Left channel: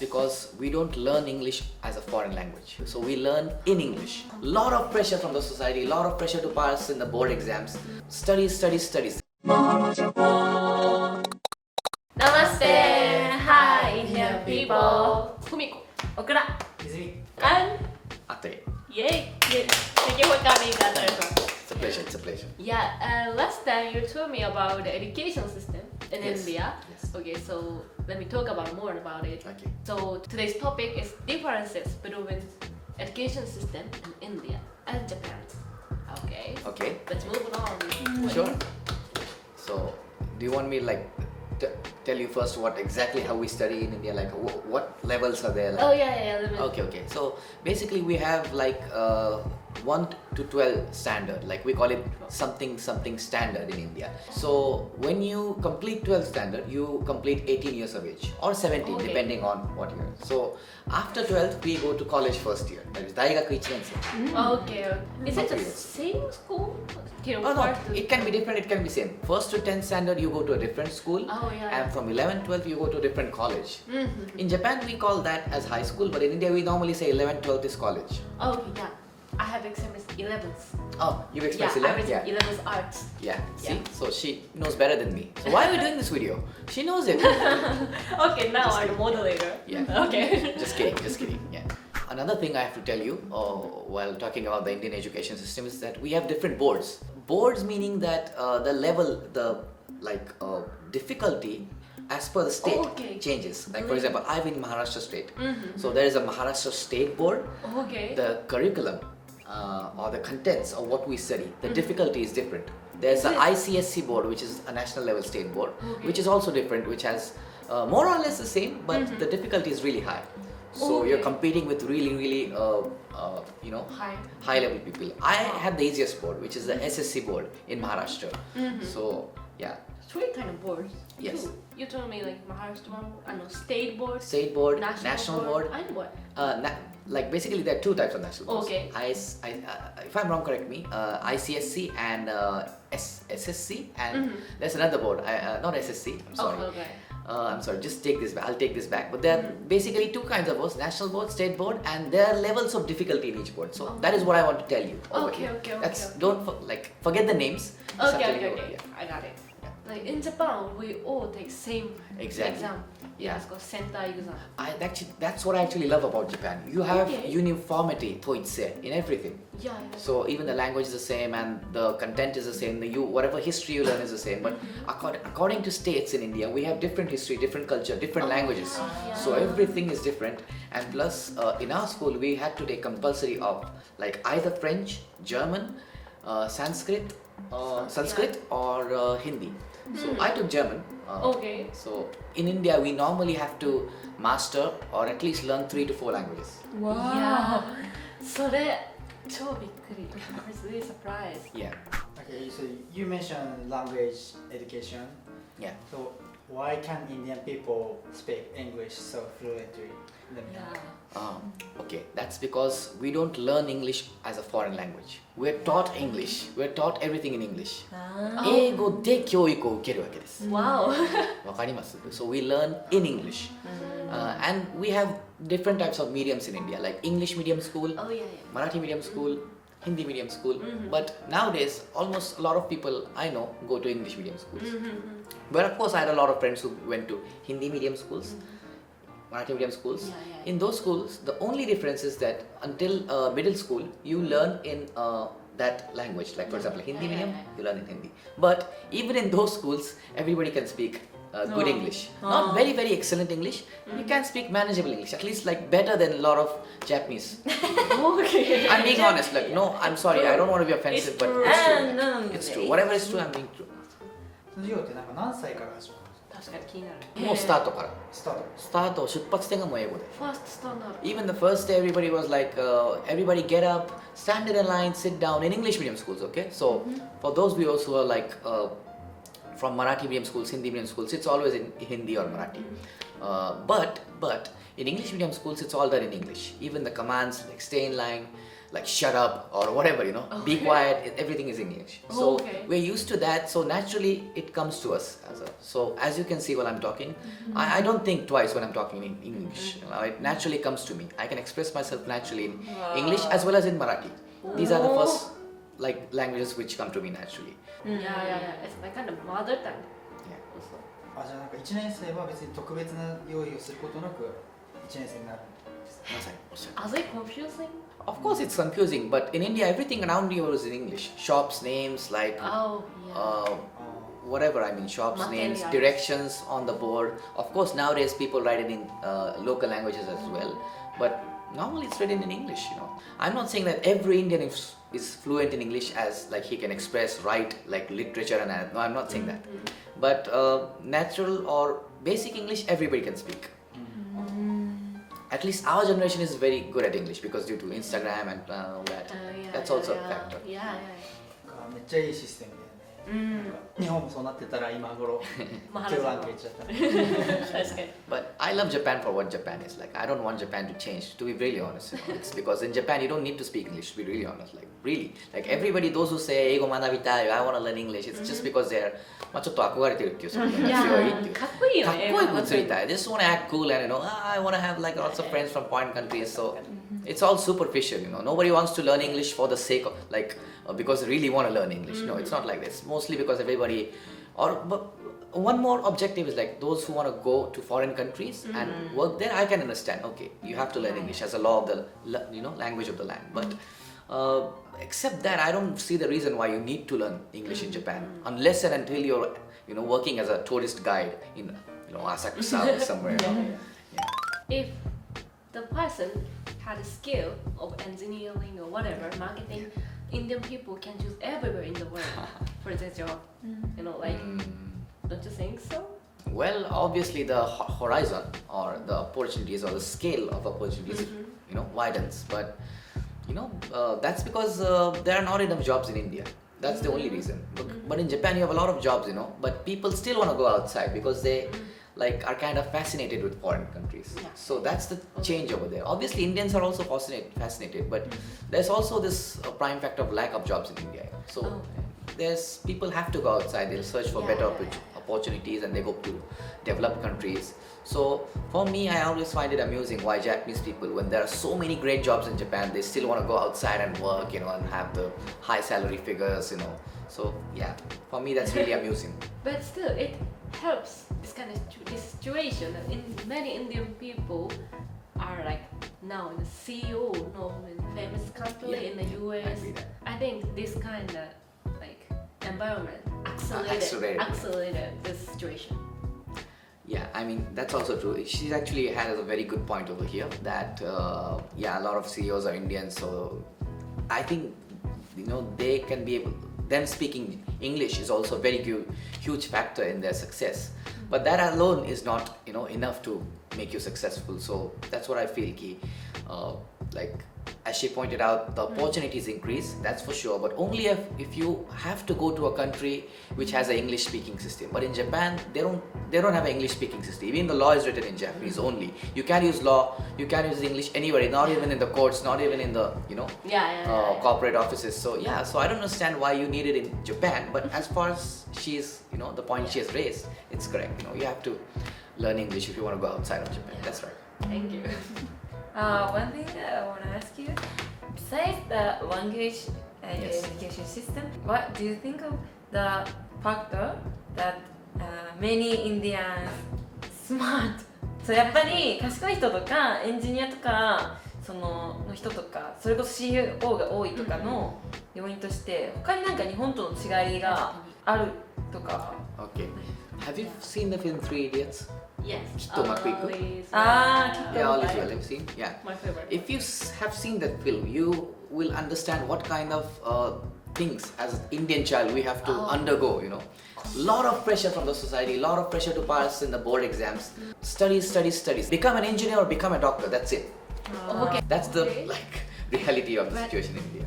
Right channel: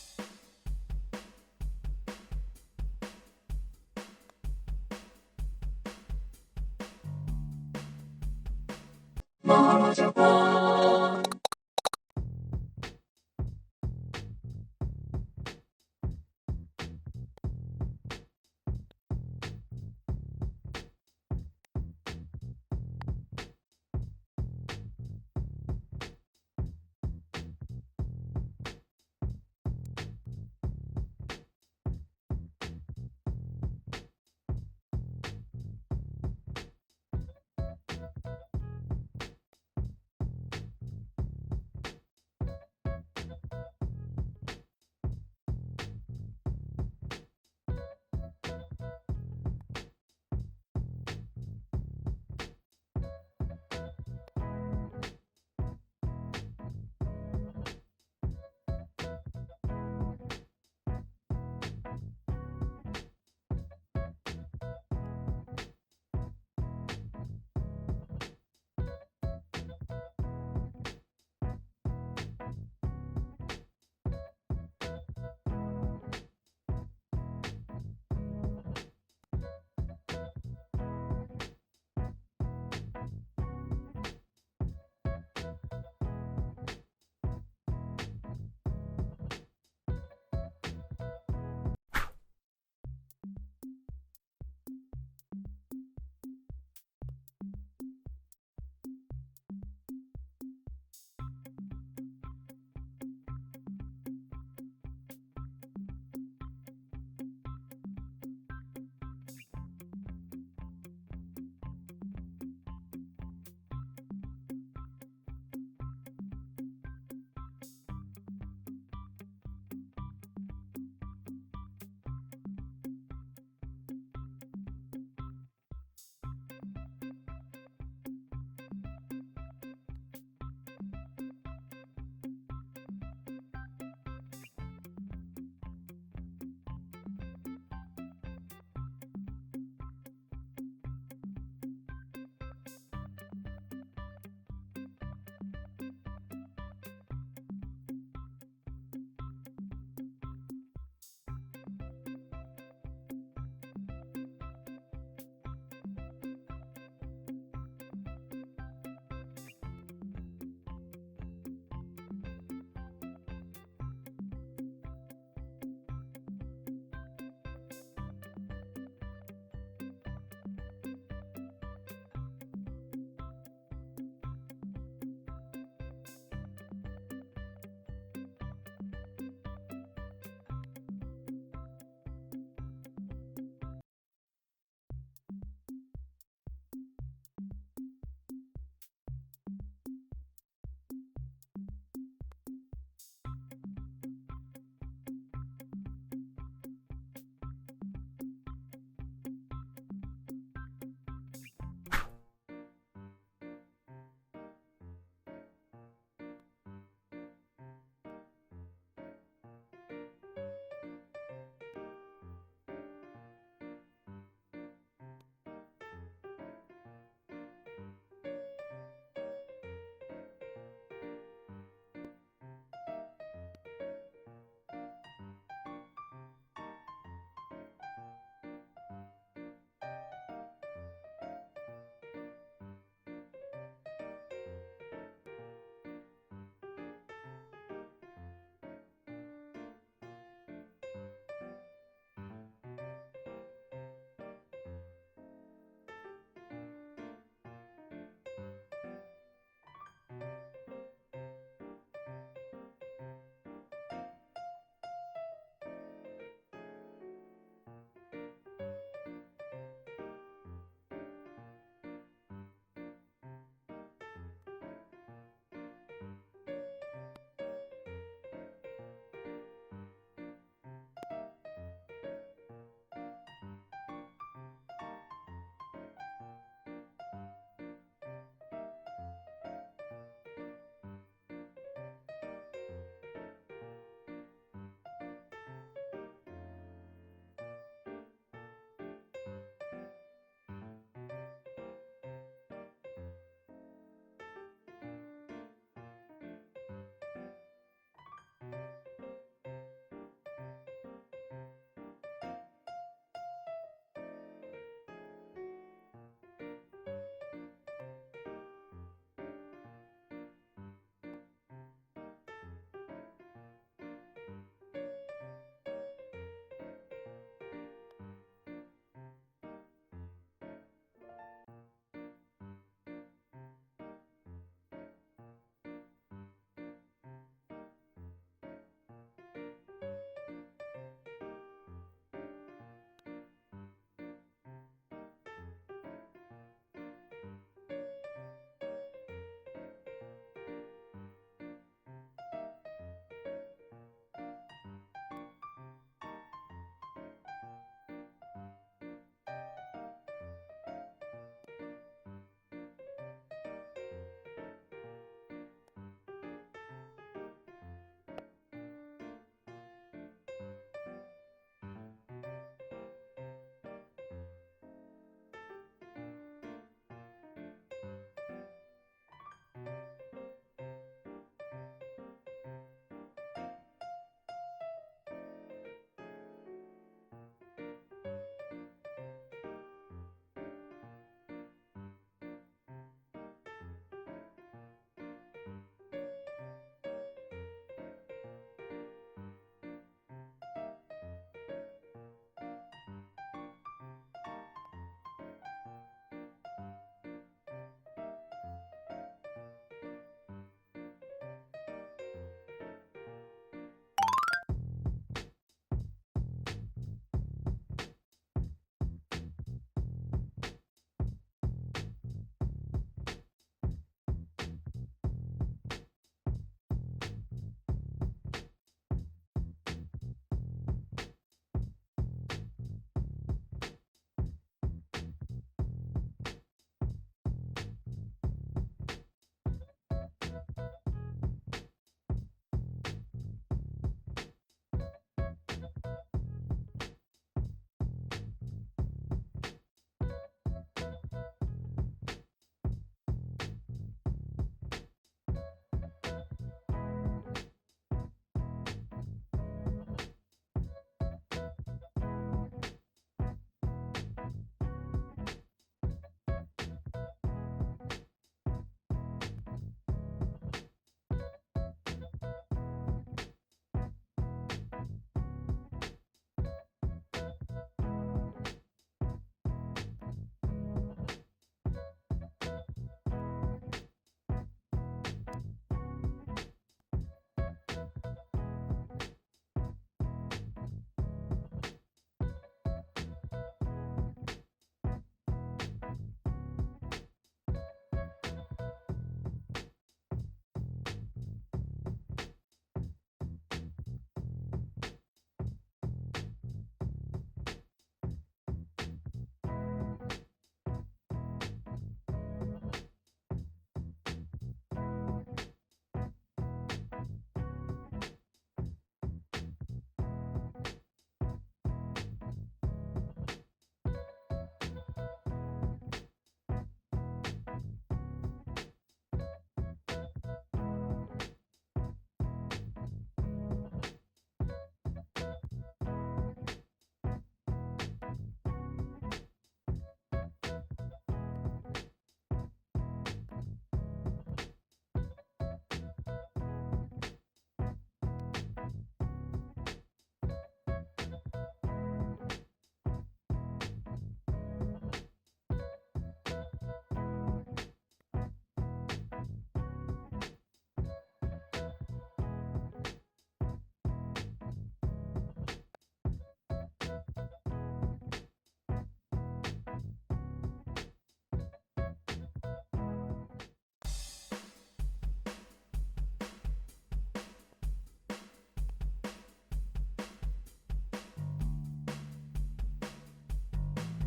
because we don't learn English as a foreign language. So we learn in English. Lot of pressure from the society, lot of pressure to pass in the board exams. Studies, studies, studies. Namaste! Hi, Indian people! Kumiko, Okura, and Ate. yay! Thank you for coming, Anderson. It's a pleasure, it's a pleasure. Yeah, last time you told me about the education system in Yes, India. yes. Okay, so let me talk about more about it. Okay. So today's topic is differences between education system in India and Japan. Okay. Okay, Let's move on. sure. So, do you want me like tell you first what exactly how we study in India, like what levels are there? Like, Oh yeah. Let me. Okay. So basically we have like 1 to 12 standard, like we call it something standard in India. So when you complete 12 standard, you complete 18 years of age or 17 Okay. depending on what year. So after 12th we go to college first year, that is Daigaku 1年生. Okay. Is it the Okay. same school? Oh no, it can be different, it can be same. First to 10th standard you go to a different school, Oh yeah. and from 11th 12th you go to a different college. Mm-hmm. In Japan we call that as high school, but in India we normally say 11th 12th is college. Okay, yeah. I have experienced 11th. Oh, you Yeah, express I 11th? was Yeah. 11th arts. Yeah, see, Yeah. so she knows better than me. So why are we doing this video? She knows it. Okay, now I'm the moderator. Yeah. Okay. Just kidding. Yeah. Another thing I have to tell you while talking about the Indian education system is that we have different boards. Boards meaning that the level, the difficulty as per the state Okay. changes. Like for example, I'm in Maharashtra state. Mm-hmm. So there is a Maharashtra state board. Okay. The curriculum or the contents of what we study, the difficulty is different. There's the ICSC board, which is a national level state board, which is also different, which has more or less the same, but the difficulty is really high. So you're Okay. competing with really Hi. high level people. I have the easiest board, which is the SSC board in Maharashtra. So yeah, Three kind of boards. Yes. Two. You told me like Maharashtra, I know state board, state board, national, national board. and what? Like basically there are two types of national boards. Okay. If I'm wrong, correct me. ICSC and SSC, and there's another board. Not SSC. I'm sorry. Okay. I'm sorry. Just take this back. I'll take this back. But there are basically two kinds of boards: national board, state board, and there are levels of difficulty in each board. So that is what I want to tell you. over Okay, here. okay, okay, That's okay. don't forget the names. Just I'm Okay, telling you okay. over here. I got it. Like in Japan, we all take same Exactly. exam. Yeah. It's called center exam. That's what I actually love about Japan. You have Okay. uniformity, toitse, in everything. Yeah. So even the language is the same and the content is the same. Whatever history you learn is the same. But according to states in India, we have different history, different culture, different languages. yeah. So everything is different. And plus, in our school, we had to take compulsory of like either French, German, Sanskrit, or Hindi. So I took German. Okay. So in India, we normally have to master or at least learn 3 to 4 languages. Yeah. それ超びっくり。I was really surprised. Yeah. Okay, so you mentioned language education. Yeah. So why can Indian people speak English so fluently? Yeah. Okay, that's because we don't learn English as a foreign language. We're taught English. We're taught everything in English. 英語で教育を受けるわけです。 Wow. わかります? So we learn in English. And we have different types of mediums in India, like English medium school, Oh yeah. Marathi medium school, Hindi medium school. But nowadays, almost a lot of people I know go to English medium schools. But of course, I had a lot of friends who went to Hindi medium schools, Marathi medium schools. Yeah. In those schools, the only difference is that until middle school, you learn in that language. Like for example, Hindi medium, you learn in Hindi. But even in those schools, everybody can speak good English. Not very, very excellent English. You can speak manageable English, at least like better than a lot of Japanese. Okay. I'm being honest. Like no, I'm sorry. I don't want to be offensive, but it's true. no. It's true. Whatever is true, I'm being true. その授業ってなんか何歳から始まるんですか？確かに気になる。もうスタートから。スタート。スタート、出発点がもう英語で。ファーストスタンダード。 Even the first day, everybody was like, everybody get up, stand in a line, sit down in English medium schools, okay? So, for those viewers who are like from Marathi medium schools, Hindi medium schools, it's always in Hindi or Marathi. But in English medium schools, it's all done in English. Even the commands like stay in line, like shut up or whatever, be quiet, everything is English. So Okay. we're used to that, so naturally it comes to us as a So as you can see while I'm talking, I don't think twice when I'm talking in English. It naturally comes to me. I can express myself naturally in English as well as in Marathi. These are the first like languages which come to me naturally. Yeah. It's my kind of mother tongue. Yeah. Also. あ、じゃあなんか1年生は別に特別な用意をすることなく1年生になるんですか？ Are they confusing? Of course, it's confusing, but in India, everything around you is in English. Shops names, like Oh, yeah. whatever. I mean, shops names, Materials. directions on the board. Of course, nowadays people write it in local languages as well, but normally it's written in English. You know, I'm not saying that every Indian is fluent in English as like he can express, write like literature and no, I'm not saying that. But natural or basic English, everybody can speak. At least our generation is very good at English because due to Instagram and all that. Yeah, That's yeah, also a yeah. factor. Yeah. めっちゃいいシステムで、なんか日本もそうなってたら今頃教団って言っちゃった。 That's good. But I love Japan for what Japan is like. I don't want Japan to change. To be really honest, you know, it's because in Japan you don't need to speak English. To be really honest, like really, like everybody, those who say "Eigo manabitai," I want to learn English. It's just because they're まあちょっと憧れてるっていうその強いっていう。かっこいいよね。かっこよく映りたい。They just want to act cool and you know, I want to have like lots of friends from foreign countries. So it's all superficial, you know. Nobody wants to learn English for the sake of like because they really want to learn English. No, it's not like this. Mostly because everybody, but one more objective is like those who want to go to foreign countries and work there. I can understand. Okay, you have to learn English as a law of the language of the land. But except that, I don't see the reason why you need to learn English in Japan unless and until you're working as a tourist guide in Asakusa or somewhere. If the person had a skill of engineering or whatever, marketing, Indian people can choose everywhere in the world for their job. You know, like, don't you think so? Well, obviously the horizon or the opportunities or the scale of opportunities, widens. But that's because there are not enough jobs in India. That's the only reason. But in Japan, you have a lot of jobs, but people still want to go outside because they are kind of fascinated with foreign countries. So that's the change over there. Obviously, Indians are also fascinated, but there's also this prime factor of lack of jobs in India. So there's people have to go outside. They'll search for better opportunities, and they go to developed countries. So for me, I always find it amusing why Japanese people, when there are so many great jobs in Japan, they still want to go outside and work, and have the high salary figures, So yeah, for me that's really amusing. But still, it helps this kind of this situation that many Indian people are like now in the CEO of a famous company in the US. I think this kind of like environment accelerated this situation. Yeah, I mean that's also true. She actually has a very good point over here that a lot of CEOs are Indians, so I think they can be able. Them speaking English is also a very huge factor in their success. But that alone is not enough to make you successful. So that's what I feel. As she pointed out, the opportunities increase, that's for sure, but only if you have to go to a country which has an English speaking system. But in Japan, they don't have an English speaking system. Even the law is written in Japanese only. You can't use law, you can't use English anywhere, not even in the courts, not even in the corporate offices. So so I don't understand why you need it in Japan. But as far as she's the point she has raised, it's correct. You have to learn English if you want to go outside of Japan. That's right. Thank you. One thing that I want to ask you, besides the language education system, what do you think of the factor that many Indians smart? そうやっぱり賢い人とかエンジニアとかの人とかそれこそ CEO が多いとかの要因として他になんか日本との違いがあるとか。Okay. Have you seen the film Three Idiots? Yes. Kitto Makuiku. Kitto. Yeah, all is well. Have you seen? Yeah. My favorite. If you have seen that film, you will understand what kind of things as an Indian child we have to undergo. Lot of pressure from the society, lot of pressure to pass in the board exams. Studies. Become an engineer or become a doctor. That's it. Okay. That's the reality of the situation in India.